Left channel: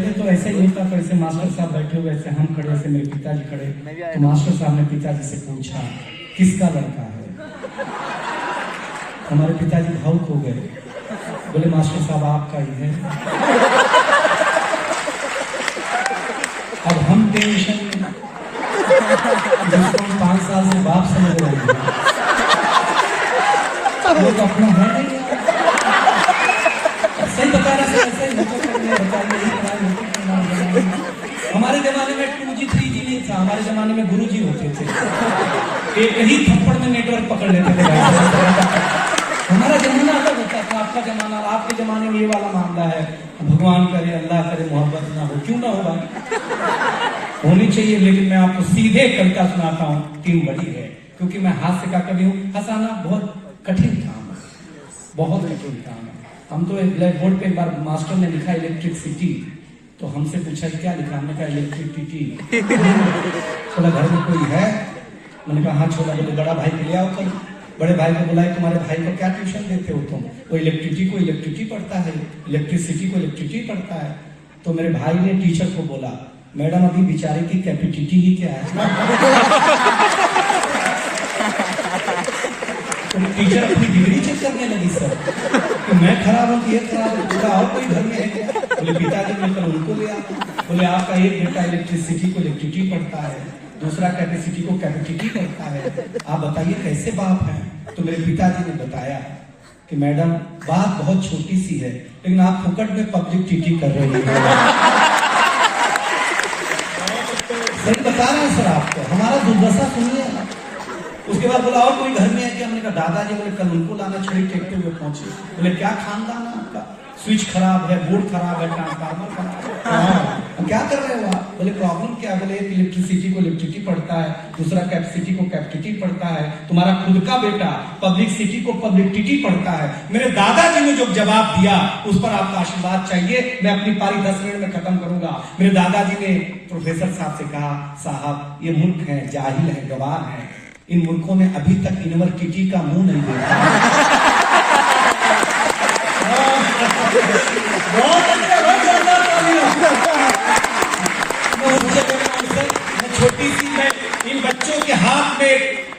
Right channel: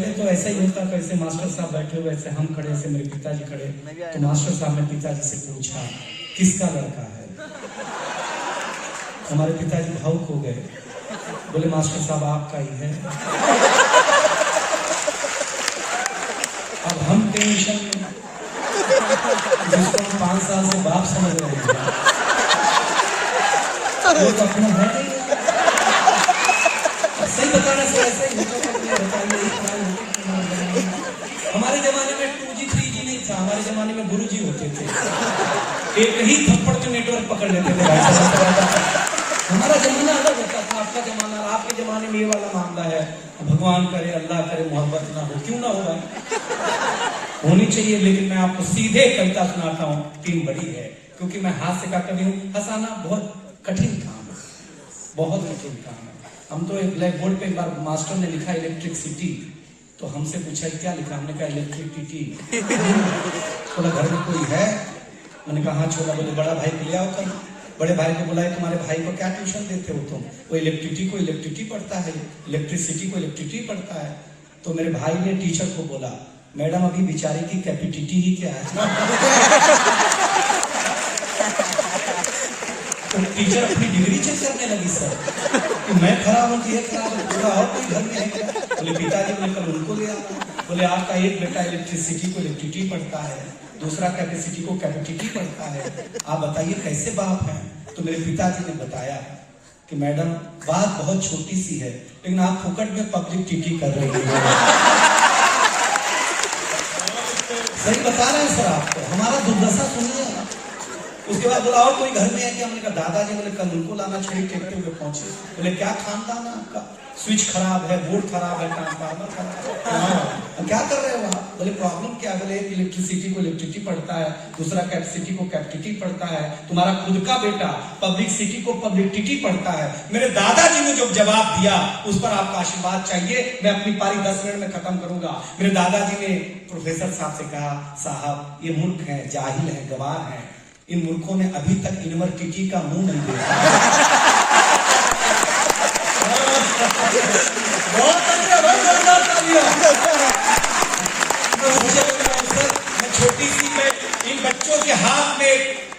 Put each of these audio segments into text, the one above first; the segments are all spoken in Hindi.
पहले तो ऐसा ही होता था, ऐसे मास्टर साहब बैठे हुए, ऐसे हम खड़े, ऐसे मेरे पिताजी खड़े, तो मास्टर साहब ने पिताजी से पूछा किसका लड़का है। हमारे पिताजी भावुक हो गए, बोले मास्टर साहब आपका ही है। अब हम टेंशन में, जिसको 5 साल से बाप समझ रहे हैं, वो तो अपना है नहीं। सही बता रहे हैं, ऐसा ही बताइए। हमारे जमाने में 2G 3G नहीं था, हमारे जमाने में गुरुजी होते थे, एक ही थप्पड़ में नेटवर्क पकड़ लेते थे। हमारा जमाना अलग होता था, आपका जमाना, आपके जमाने में ये वाला मामला है। भगवान करे, अल्लाह करे, मोहब्बत ना हो, क्यों ना होगा, होनी चाहिए। लेकिन मैं आपको सीधे कविता सुनाता हूँ, टीम बड़ी है, क्योंकि मैं हास्य का कवि हूँ। हंसाना बहुत कठिन काम है, बहुत कठिन काम है। हम तो एक ब्लैक बोर्ड पे एक बार मास्टर ने लिखा इलेक्ट्रिसिटी, तो हमसे पूछा क्या लिखा, हमने कहा इलेक्ट्रिसिटी। थोड़ा घर में कोई है, मैंने कहा हाँ छोड़ा। बोले बड़ा भाई को ले आओ कल। बड़े भाई को बुलाए, तुम्हारे भाई को क्या ट्यूशन देते हो तुम? वो इलेक्ट्रिसिटी को इलेक्ट्रिसिटी पढ़ता है, इलेक्ट्रिसिटी को इलेक्ट्रिसिटी पढ़ता है। तो मेरे भाई ने टीचर को बोला, मैडम अभी बेचारे की कैपेसिटी ही क्या है। तो टीचर अपनी डिग्री चेक करने लगी सर, कि मैं खराब हूँ कि ये खराब है, पूरा और कोई घर में है क्या? बोले पिताजी मिलकर उनको ले आता। बोले आपका एक बेटा इलेक्ट्रिसिटी को इलेक्ट्रिसिटी पढ़ता है, दूसरा कैपेसिटी को कैपेसिटी पढ़ता है, आप बताइए कैसे बाप है? तो मेरे पिताजी ने बताया कि मैडम बात बहुत छोटी सी है, लेकिन आप फुकट में पब्लिक टीटी कर रहे हैं। सही बता रहे हैं सर आपको, हमारा दुर्दशा सुनिए। उसके बाद बोला और कोई घर में है क्या? हमने कहा दादाजी। बोले कल उनको लाना छोड़ी टेकते हुए पहुंचे। बोले क्या खानदान है आपका? स्विच खराब है, बोर्ड खराब है, ट्रांसफार्मर खराब है। क्या कर रहे हो आप? बोले प्रॉब्लम क्या? बोले इलेक्ट्रिसिटी को इलेक्ट्रिसिटी पढ़ता है, दूसरा कैपेसिटी को कैपेसिटी पढ़ता है, तुम्हारा खुद का बेटा पब्लिक सिटी को पब्लिसिटी पढ़ता है। मेरे दादाजी ने जो जवाब दिया उस पर आपका आशीर्वाद चाहिए। मैं अपनी पारी 10 मिनट में खत्म करूंगा। मेरे दादाजी ने प्रोफेसर साहब से कहा, साहब ये मूर्ख है, जाहिल है, गवार है, इन मूर्खों ने अभी तक यूनिवर्सिटी का मुंह नहीं देखा। छोटी सी इन बच्चों के हाथ में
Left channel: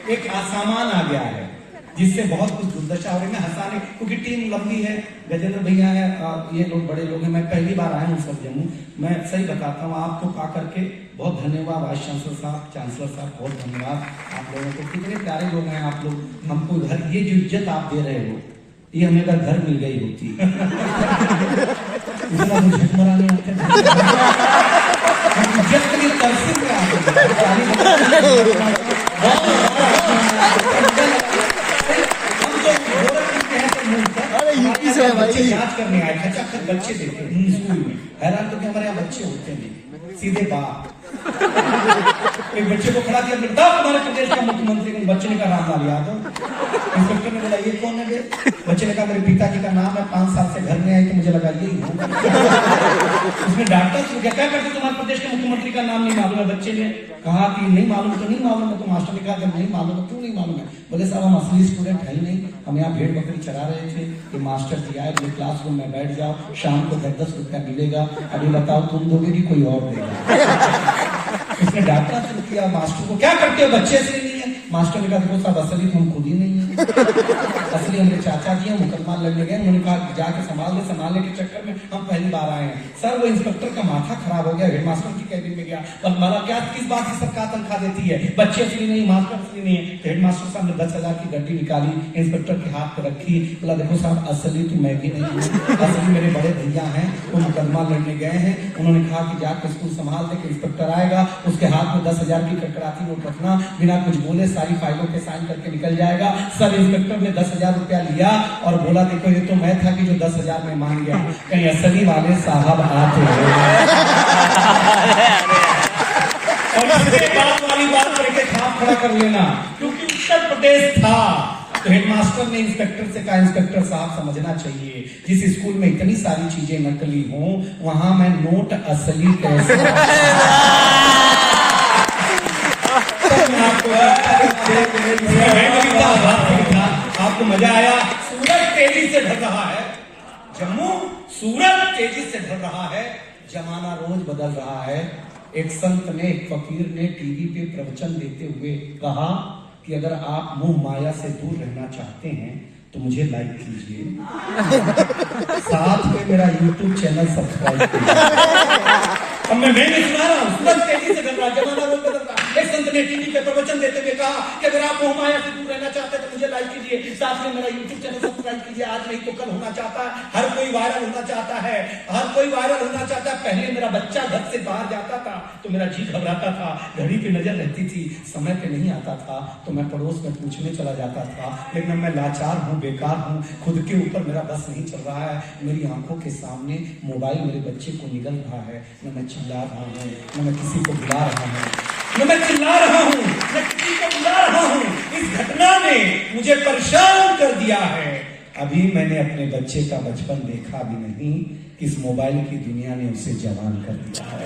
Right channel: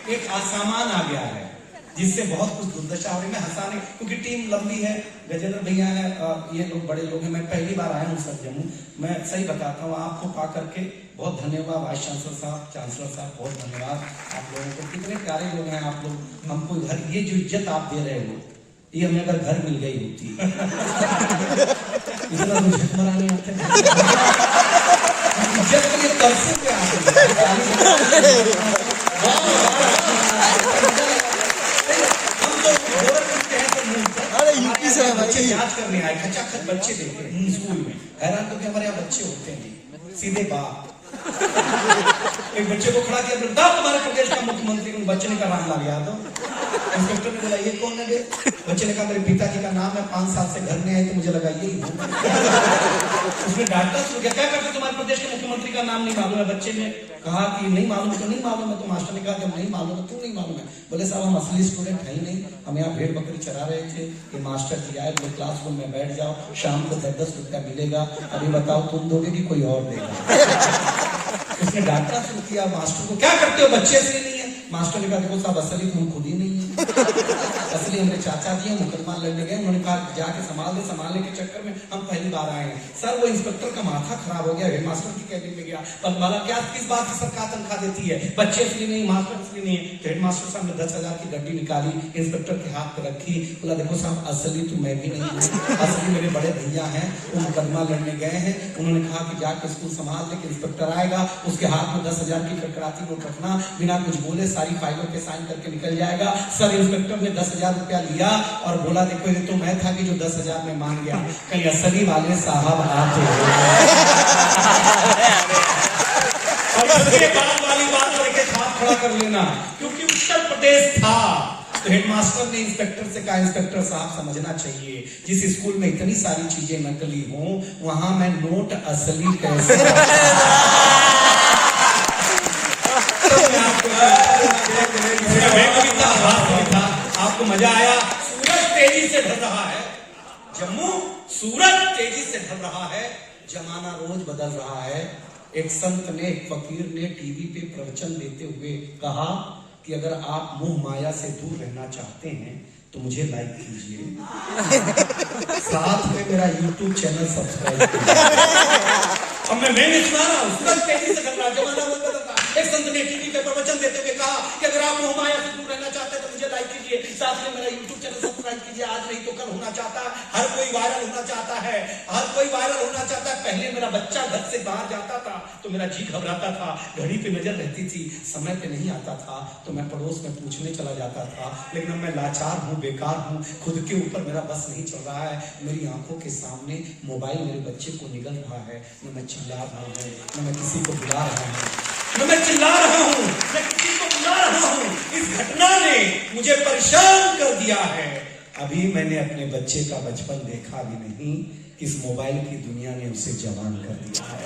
एक सामान आ गया है, जिससे बहुत कुछ दुर्दशा हो रही है। हंसाने, क्योंकि टीम लंबी है, गजेंद्र भैया है, ये लोग बड़े लोग हैं, मैं पहली बार आया हूँ सर जम्मू। मैं सही बताता हूँ, आपको पा करके बहुत धन्यवाद। वाइस चांसलर साहब, चांसलर साहब, बहुत धन्यवाद आप लोगों को। कितने प्यारे लोग हैं आप लोग। हमको घर, ये जो इज्जत आप दे रहे हो, ये हमें अगर घर मिल गई होती इतना झटमरा नहीं होते, इज्जत के लिए तरसे क्या यूपी से बच्चे जांच करने आए, खचाखच बच्चे देखे स्कूल में। हैरान तो हमारे यहाँ बच्चे होते नहीं, सीधे बाप। एक बच्चे को खड़ा किया, तुम्हारे प्रदेश का मुख्यमंत्री। बच्चे ने कहा रामलाल यादव। इंस्पेक्टर ने बोला ये कौन है? बच्चे ने कहा मेरे पिताजी का नाम है, 5 साल से घर में आए तो मुझे लगा यही होगा। उसने डांटा शुरू किया, क्या करते तुम्हारे प्रदेश के मुख्यमंत्री का नाम नहीं मालूम है? बच्चे ने कहा कि नहीं मालूम तो नहीं मालूम है। तो मास्टर ने कहा जब नहीं मालूम है क्यों नहीं मालूम है? बोले साहब हम असली स्टूडेंट है ही नहीं, हम यहाँ भेड़ बकरी चरा रहे थे, ये मास्टर जी आए, बोले क्लासरूम में बैठ जाओ, शाम को 10-10 रुपया मिलेगा, अभी बताओ तुम दोगे कि कोई और देगा? उसने डांटना शुरू किया मास्टर को, क्या करते हो, बच्चे असली नहीं है। मास्टर ने कहा देखो साहब असली तो हम खुद ही नहीं है, असली हमारे चाचा जी मुकदमा लड़ने गए। उन्होंने कहा जाके संभालने के चक्कर में हम पहली बार आए हैं। सर वो इंस्पेक्टर का माथा खराब हो गया, हेडमास्टर की कैबिन में गया, पर माला क्या किस बात की सरकार तनख्वाह देती है? बच्चे असली नहीं, मास्टर असली नहीं है। तो हेडमास्टर साहब ने 10,000 की गड्डी निकाली, इंस्पेक्टर के हाथ पे रखी, बोला देखो साहब असली तो मैं भी नहीं हूँ, असली मेरे बड़े भैया हैं, वो मुकदमा लड़ने गए हैं। उन्होंने कहा कि जाके स्कूल संभाल दे, इंस्पेक्टर आएगा उसके हाथ में 10,000 की कड़कड़ाती नोट रखना, बिना कुछ बोले सारी फाइलों पे साइन करके निकल जाएगा। सर इंस्पेक्टर ने 10,000 रुपया लिया और बोला देखो ये तो मैं था कि जो 10,000 में मांग गया, कहीं असली वाले साहब आते हो। वाली बात करके खाप खड़ा कर लेना, क्योंकि उत्तर प्रदेश था। तो हेडमास्टर ने इंस्पेक्टर से कहा इंस्पेक्टर साहब समझना चाहिए, जिस स्कूल में इतनी सारी चीजें नकली हों वहां मैं नोट असली कैसे? आपको मजा आया? सूरज तेजी से ढल रहा है, जम्मू सूरज तेजी से ढल रहा है। जमाना रोज बदल रहा है। एक संत ने, एक फकीर ने टीवी पे प्रवचन देते हुए कहा कि अगर आप मोह माया से दूर रहना चाहते हैं तो मुझे लाइक कीजिए, साथ में मेरा YouTube चैनल सब्सक्राइब कीजिए। अब मैं नहीं सुना रहा हूँ, तुरंत तेजी से बदल रहा, जमाना रोज बदल रहा। एक संत ने टीवी पे प्रवचन देते हुए कहा कि अगर आप मोह माया से दूर रहना चाहते हैं तो मुझे लाइक कीजिए, साथ में मेरा YouTube चैनल सब्सक्राइब कीजिए। आज नहीं तो कल होना चाहता है, हर कोई वायरल होना चाहता है, हर कोई वायरल होना चाहता है। पहले मेरा बच्चा घर से बाहर जाता था तो मेरा जी घबराता था, घड़ी पे नजर रहती थी, समय पे नहीं आता था तो मैं पड़ोस में पूछने चला जाता था। लेकिन मैं लाचार हूँ, बेकार हूँ, खुद के ऊपर मेरा बस नहीं चल रहा है। मेरी आंखों के सामने मोबाइल मेरे बच्चे को निगल रहा है, न मैं चिल्ला रहा हूँ, न मैं किसी को बुला रहा हूँ, न मैं चिल्ला रहा हूँ, न किसी को बुला रहा हूँ। इस घटना ने मुझे परेशान कर दिया है। अभी मैंने अपने बच्चे का बचपन देखा भी नहीं, इस मोबाइल की दुनिया ने उसे जवान कर दिया है।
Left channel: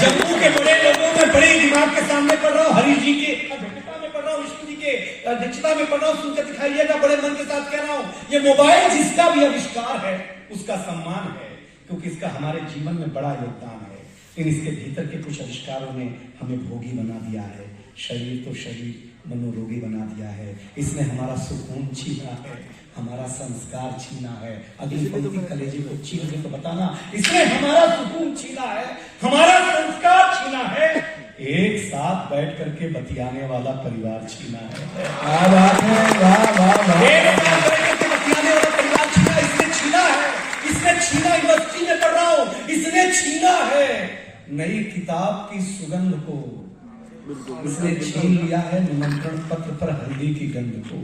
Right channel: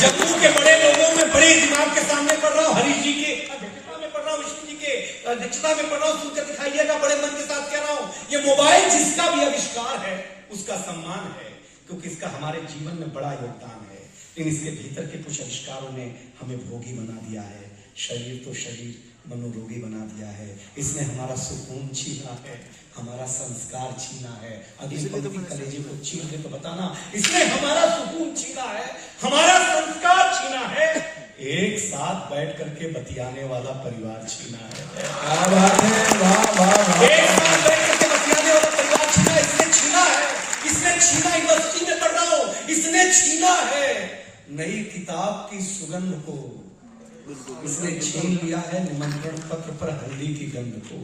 जम्मू के बड़े लोगों में बड़े दिमाग के सामने पढ़ रहा हूँ, हरीश जी के अध्यक्षता में पढ़ रहा हूँ, विष्णु जी के अध्यक्षता में पढ़ रहा हूँ, सुनकर दिखाइएगा, बड़े मन के साथ कह रहा हूँ। ये मोबाइल जिसका भी आविष्कार है उसका सम्मान है, क्योंकि इसका हमारे जीवन में बड़ा योगदान है। लेकिन इसके भीतर के कुछ आविष्कारों ने हमें भोगी बना दिया है। शरीर तो शरीर, मनोरोगी बना दिया है। इसने हमारा सुकून छीना है, हमारा संस्कार छीना है। अगली पंक्ति कलेजे को छीन के तो बताना, इसने हमारा सुकून छीना है, हमारा संस्कार छीना है, एक साथ बैठ करके बतियाने वाला परिवार छीना है। क्या बात है, वाह वाह वाह। एक साथ बैठ करके बतियाने वाला परिवार छीना, इसने छीना है, इसने छीना। यूनिवर्सिटी में पढ़ रहा हूं, इसने छीना है नई किताब की सुगंध को, इसने छीन लिया है निमंत्रण पत्र पर हल्दी की गंध को,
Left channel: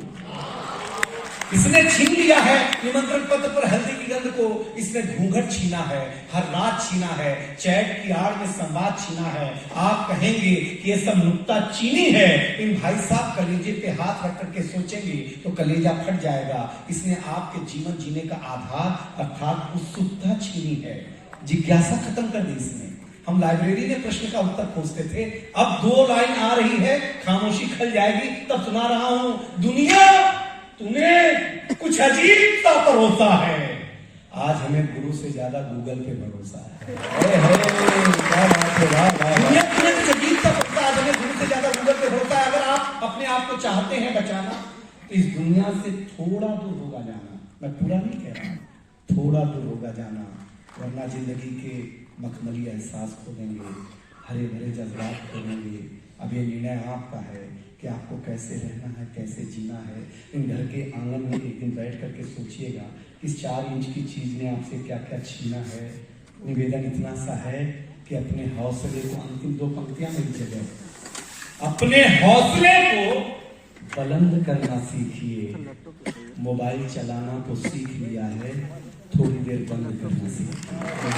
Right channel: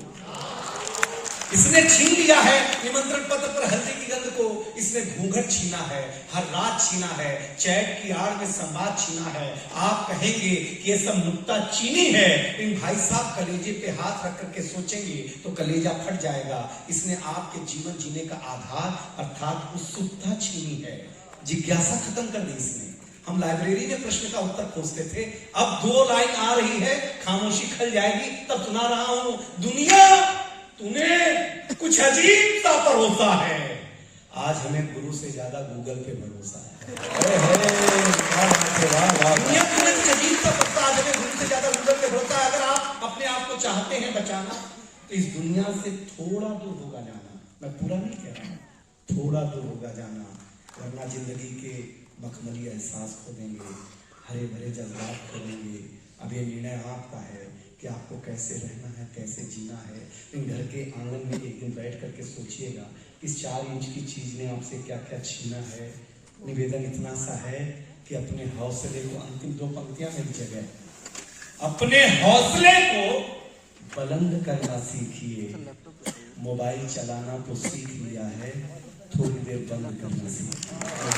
इसने छीन लिया है निमंत्रण पत्र पर हल्दी की गंध को। इसने घूंघट छीना है, हर रात छीना है, चैट की आड़ में संवाद छीना है। आप कहेंगे कि ये सब नुक्ता चीनी है, इन भाई साहब कलेजे पे हाथ रख करके सोचेंगे तो कलेजा फट जाएगा। इसने आपके जीवन जीने का आधार अर्थात उत्सुकता छीनी है, जिज्ञासा खत्म कर दी इसने। हम लाइब्रेरी में प्रश्न का उत्तर खोजते थे, अब 2 लाइन आ रही है, खामोशी खल जाएगी, तब सुना रहा हूं, दुनिया तुम्हें कुछ अजीब सा भरोसा है। आज हमें गुरु से ज्यादा गूगल पे भरोसा है। क्या बात है, वाह वाह। दुनिया तुम्हें कुछ अजीब सा भरोसा, आज हमें गुरु से ज्यादा गूगल पे भरोसा है। अगर आप अपने आप को चाहते हैं बचाना तो इस दुनिया से थोड़ा दूर होगा जाना। मैं पूरा नहीं कह रहा, थोड़ा दूर होगा जाना, वरना जिंदगी के मखमली एहसास खो देंगे, हरे भरे जज्बात खो देंगे। अब ये निर्णय आपका है कि आपको कैसे रहना है, कैसे जीना है। इन घर के आंगन में एक दिन बैठ करके सोचिएगा, इस 4 इंच की चीज ने आपसे क्या क्या छीना है। निवेदन इतना सा है कि अपने हौसले को, अंतिम 2 पंक्तियां मेरी जगह, अपने हौसले को बुलंद करना सीखिए। मोबाइल चलाना तो सीख लिया है, थोड़ी देर बंद करना सीखिए।